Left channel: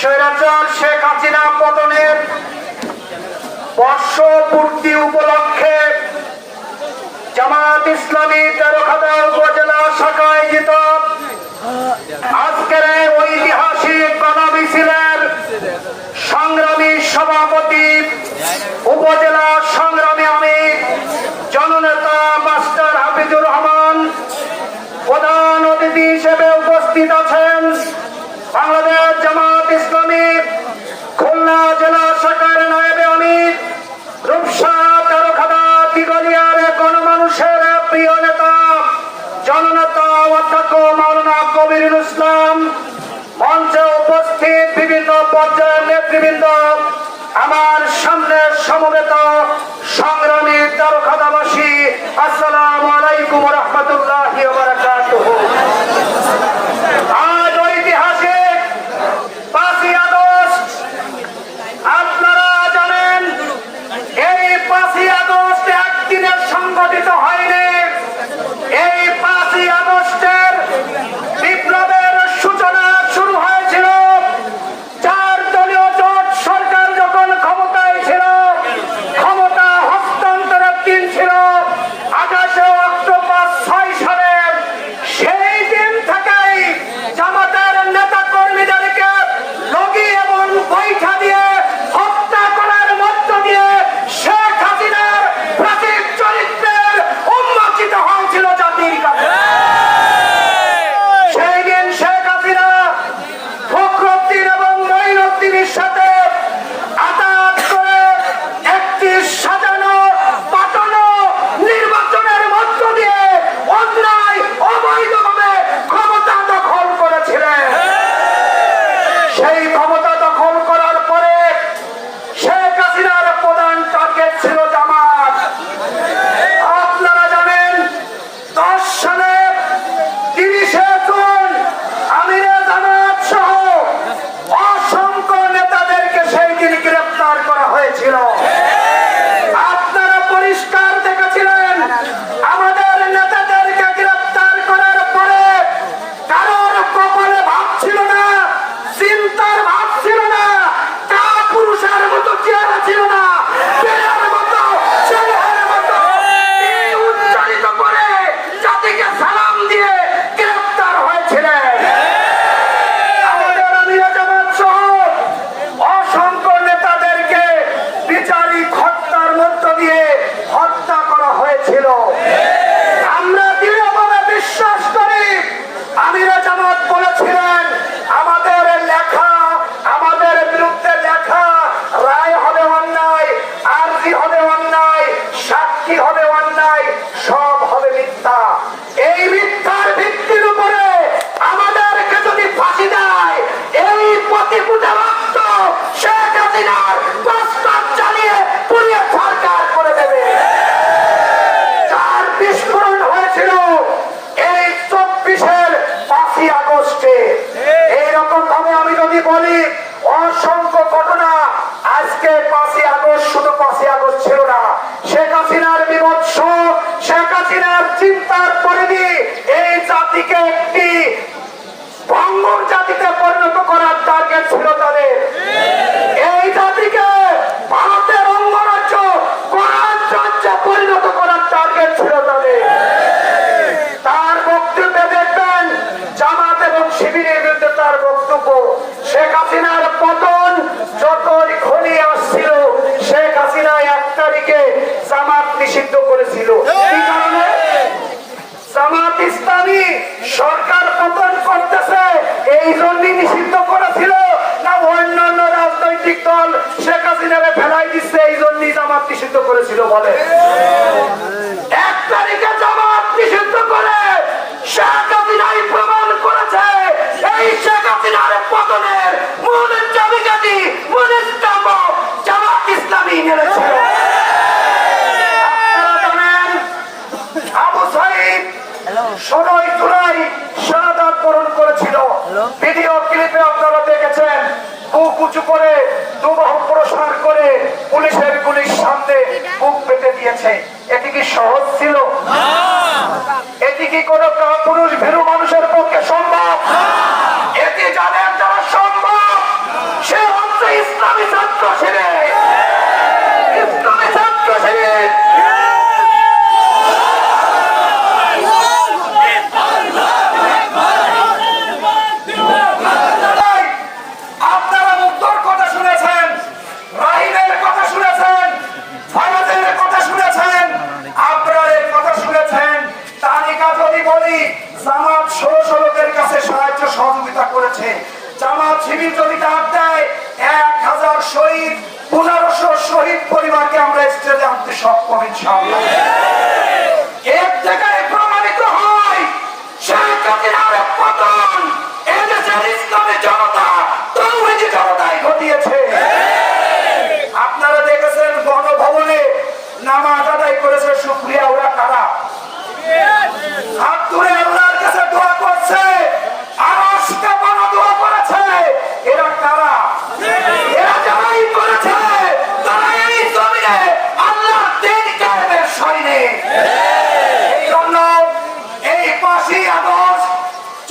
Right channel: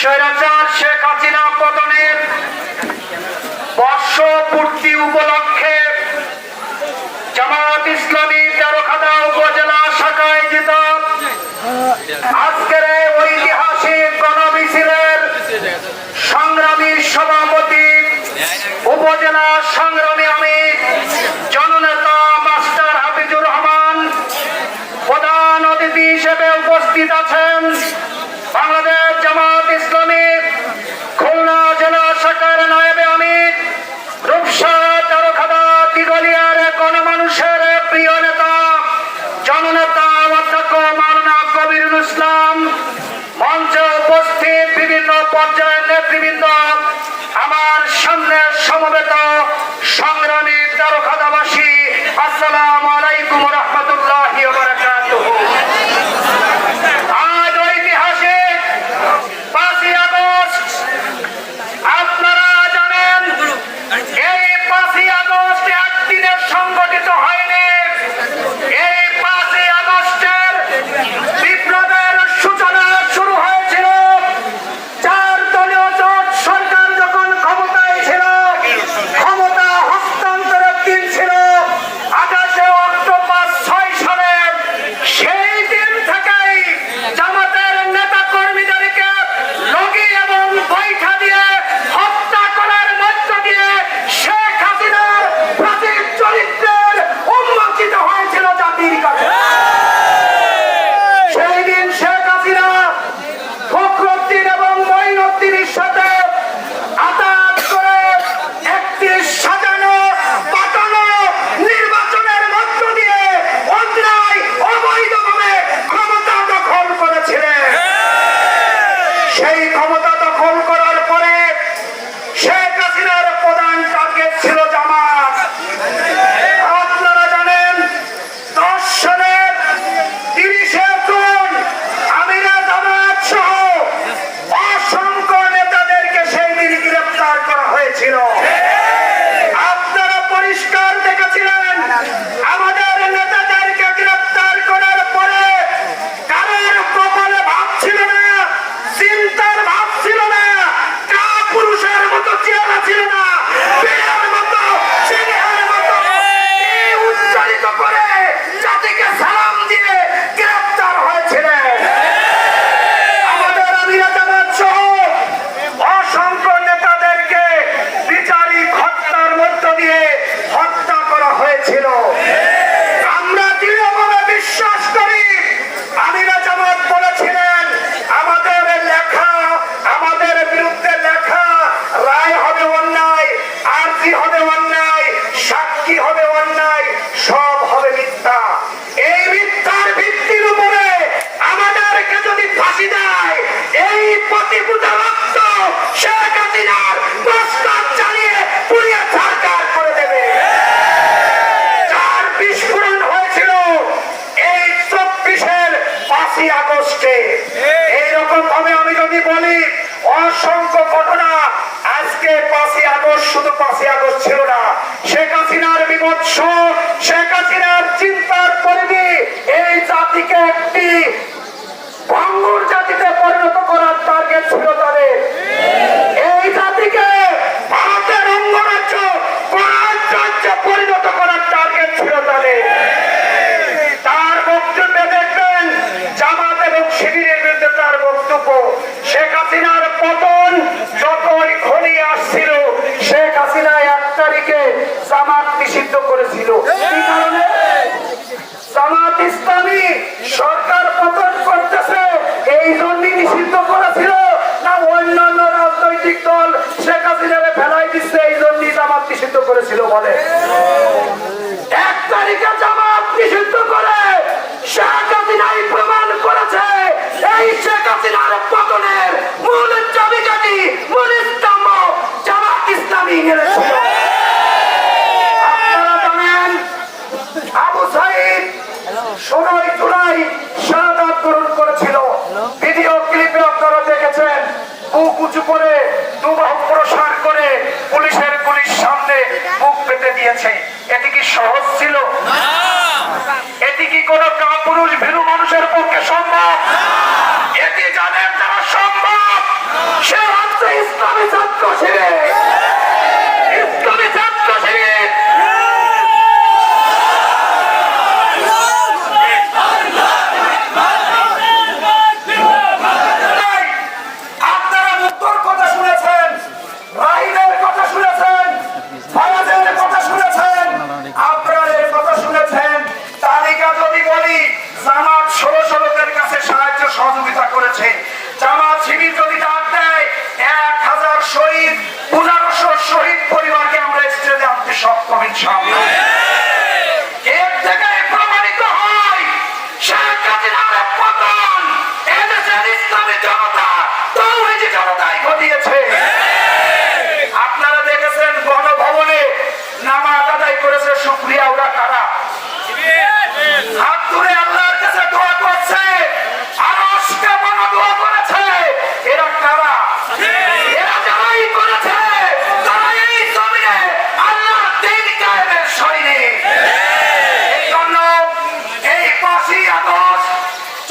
শেখ হাসিনা উপলক্ষে জামাত ইসলামী তেরোখাদা উপজেলা শাখায় আজকের ইসলাম মঞ্চে উপস্থিত বিভিন্ন পর্যায়ের নেতৃবৃন্দ আমার সামনে সমবেত সংগ্রামী তারকাদাবাসী আসসালাম আলাইকুম রহমত পাঁচই আগস্টে। এইরকম ভাবে আমি যদি বলি, অসংখ্য ঘটনা। আজকে পাঁচই আগস্ট শুধু পাঁচই আগস্ট ছিল না। শেখ হাসিনার বিভৎস শেখ হাসিনার চিন্তার পরিধি এই জাতিকে একটি ভঙ্গুর জাতিতে পরিণত করার টার্গেট ছিল তাদের। শেখ হাসিনার পতন যতক্ষণই আসছিল শেখ হাসিনা এক তারিখে জামাত নিষিদ্ধ করেছিল। হ্যাঁ। জামাত ইসলামী সরকার পতন করতেছে এই জন্যই নিষিদ্ধ করেছিল না অন্যান্য রাজনৈতিক দল শেখ হাসিনারে ফেলাই দিচ্ছে এই জন্যই জামাত নিষিদ্ধ করেছিল বলে। হ্যাঁ। সাইদ ষোলোই জুলাই করেছিল ভিডিও ক্লিপে আপনারা দেখেছেন বুক উঁচু করে দুবাহু প্রসার করে পুলিশের পুলিশ সামনে বুক পেতে দিয়েছে। এটি কি সহজ ছিল? এটি কি কোনো পুরুষ ভীরু মানুষের পক্ষে সম্ভব? এটি যাদের দ্বারা সম্ভব সে হচ্ছে ইসলামী ছাত্র করেছে জামাত শিবির যদি ডাক দেয়, এক হাজার শহীদ পনেরোশো শহীদ পরিবারকে আমরা স্টেজে আনতে সক্ষম, ইনশাআল্লাহ। এর থেকে প্রমাণিত হয়, শেখ এদেশের ইসলামী জনতা তৌহিদি জনতাই ঘটিয়েছে আপনারা দেখেছেন গণভবনে নামাজ আদায় করেছে শুক্রিয়া ওরা কারা হাত তুলে আল্লাহর কাছে দোয়া করছে আর অষ্টা বড় দোয়া করেছে এরা কারা এরা যারাই করেছে তারা এই জমিনে আল্লাহর দিন কায়েমের সৈনিক এই জন্য এই পাঁচই আগস্ট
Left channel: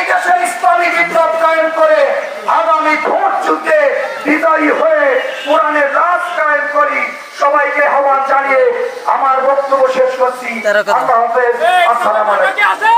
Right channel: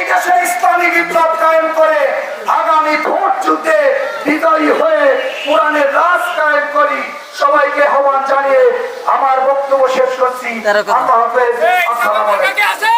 এই দেশে ইসলামী বিপ্লব কায়েম করে আগামী ভোট যুদ্ধে বিজয়ী হয়ে কোরআনের রাজ কায়েম করি সবাইকে আহ্বান জানিয়ে আমার বক্তব্য শেষ করছি। আল্লাহ হাফেজ। আসসালামু আলাইকুম।